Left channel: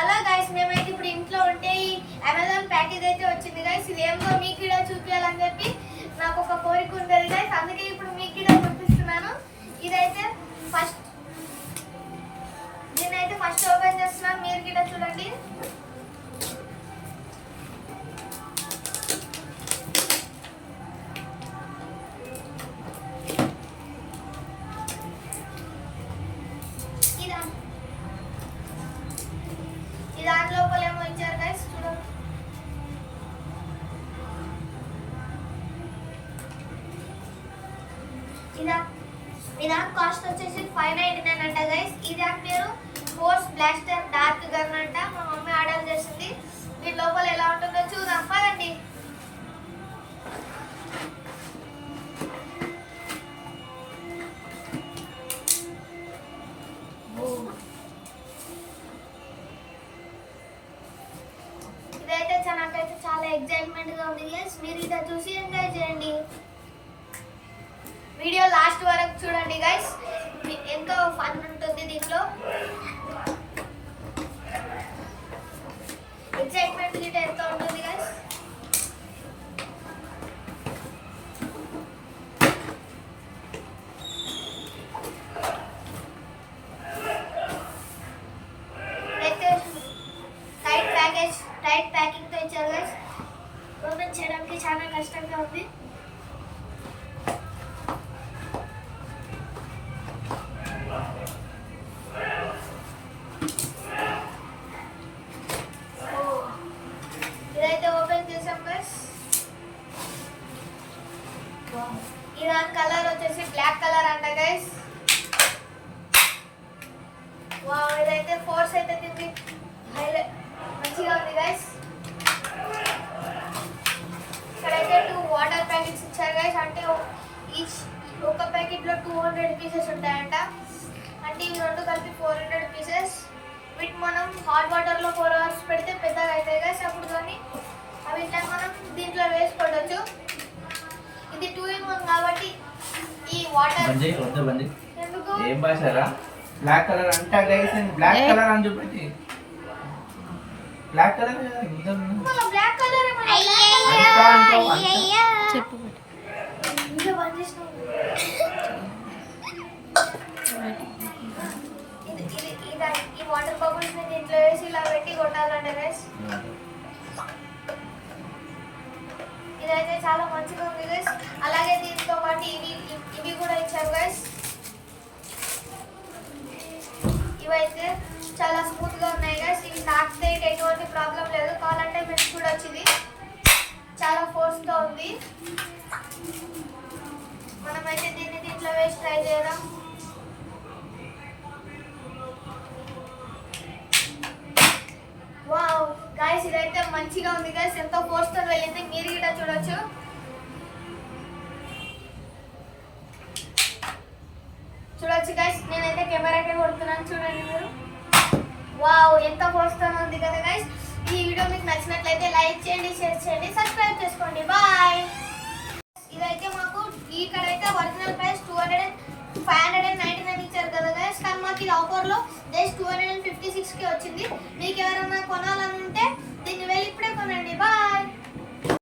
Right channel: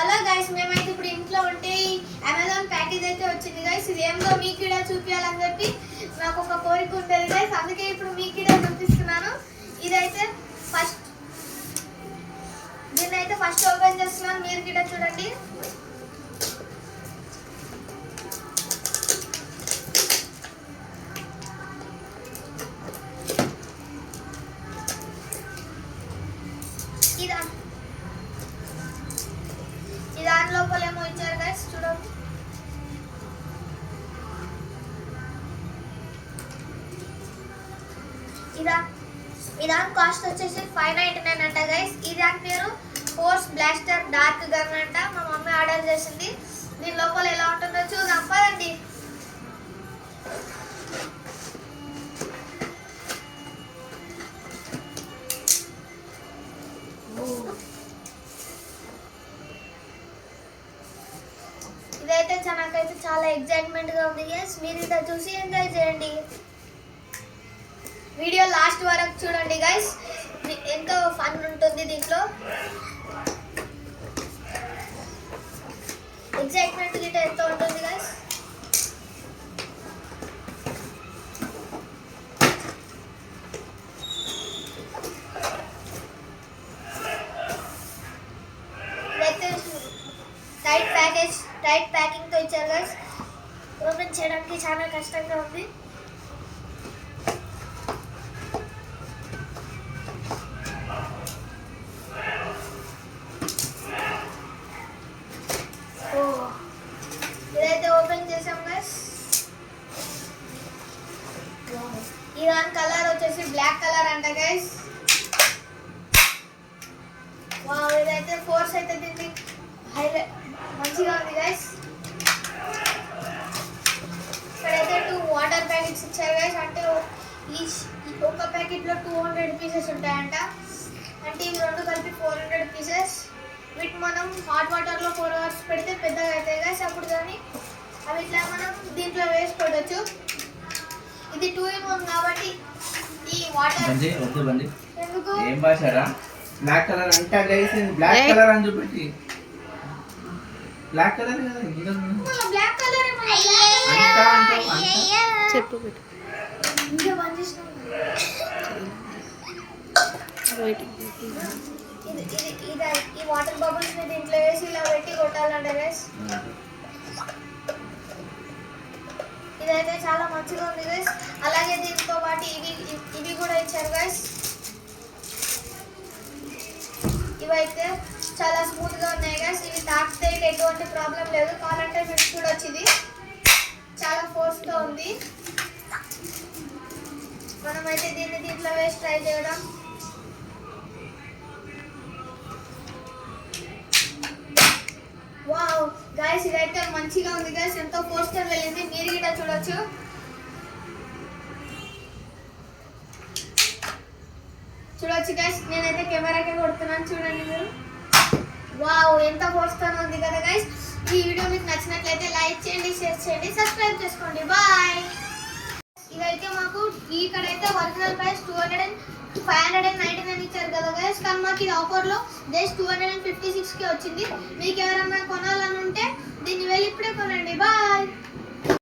Hello guys, మేమైతే ఇప్పుడు ఇంట్లో ఉంటే అమెజాన్ ప్యాకేజ్ అయితే వచ్చింది గైస్. ఇది ఏమో మీకు కూడా చూపించాలని చెప్పి నాకు ఒక కోరిక ఉంటుంది గైస్, అందుకే ఇప్పుడు మీకు కూడా చూపిస్తున్నాను. ఇదైతే దీన్నైతే ఫస్ట్ ఓపెన్ చేస్తున్నాను, మీరు కూడా చూడండి. దాని లోపల ఏమో ఇచ్చారు గైస్, చూడండి. ఇదా కాస్ట్ వచ్చేసి 599 అంట గైస్. ఇది పేరు ఫోర్స్ బ్లాస్టర్ డార్క్ గన్ అంట. మా మమ్మీ ఆర్డర్ చేసింది. దీని లోపల ఎలా ఉంటుందో చూద్దాం పదండి. ఇదైతే నాకైతే చాలా ఎక్సైట్మెంట్ గా ఉంది గైస్. మీరు ఇదా చూసి ఎంజాయ్ చేయండి. వీడియో లాస్ట్ వరకు చూడండి గైస్, ఎంతో ఫన్ ఉంటుంది దీంట్లో. ఎక్సైట్మెంట్ గిట్ట ఎంతో ఉంటుంది గైస్. టైట్ ప్యాకింగ్ తో ఇచ్చారు గైస్. ఓపెన్ చేయడానికి చాలా కష్టంగా ఉంది. ఇదైతే ఓపెన్ చేసాం గైస్. ఇరాన్ కలర్ వచ్చేసి బ్లాక్ కలర్ అంట గైస్. వావ్, ఇదైతే ఫోర్స్ అయితే దీనికి హైలైట్ మంచిగా ఉంది గైస్. ఇక్కడైతే 2 వాటర్ ప్యాకెట్స్ ఇచ్చారు గైస్. అంటే ఒక ప్యాకెట్ లో 200 పీసెస్ ఉంటాయంట. అంటే ఈ రెండు కలిపి 400 పీసెస్. వీటి మనం హాట్ వాటర్ లో 4 అవర్స్ పెడితే పెద్దగా అవుతాయి గైస్. అప్పుడు దాన్ని అవి ఇట్లా మనం దీంట్లో వేసి పెట్టచ్చు. ఇది 2 in 1 కాబట్టి ఈ వాటర్ ఎందుకు ఏం భాషరా బ్లాక్ కలర్ అంట గైస్. బ్లాక్ కలర్ అని చూపెట్టి బ్లాక్ కలర్ బ్లాక్ కలర్ చెప్పు బిడ్డ. ఈ వాటర్ బబుల్స్ ని దీంట్లో వేసి ఇలా పెట్టి కొట్టాలంట గైస్. ఇదైతే చాలా మంచిగా ఉంది గైస్. అలాగే దీంతో పాటు ఇవి కూడా ఇచ్చారు గైస్. ఇవైతే చాలా స్మూత్ గా ఉన్నాయి గైస్. ఇవి తాకితే ఎటువంటి ప్రాబ్లం లేదు. కావాలంటే మీరు చూడొచ్చు, ఇది చాలా ఫోర్స్ గా ఉంది. మనమైతే దీంట్లో వేసి ట్రై చేద్దాం. వావ్ గైస్, ఇదైతే మంచిగా ఉంది గైస్. ఎంతో ఫోర్స్ తో వెళ్ళింది. మీరు కూడా చూడొచ్చు. చూడొచ్చు గైస్, నేనైతే కెమెరాకే కొడుతున్నాను, చూడండి మీరు. వావ్, ఎంత ఫోర్స్ తో ఉంది కదా గైస్. ఈ వీడియో మీకు నచ్చినట్లయితే లైక్ చేయండి, షేర్ చేయండి, సబ్స్క్రైబ్ చేసుకోండి. బాయ్. ఇదైతే మాకు ఇక్కడైతే ఒరిజినల్ ప్రైస్ 599 ఇచ్చారు కదా గైస్. కానీ మాకు ఇది ఆఫర్ లో జస్ట్ 256 కి వచ్చింది. మీకు ఎవరైనా కొనాలని ఉంటే దీన్ని వెళ్ళి ఇప్పుడే కొనండి. బాయ్.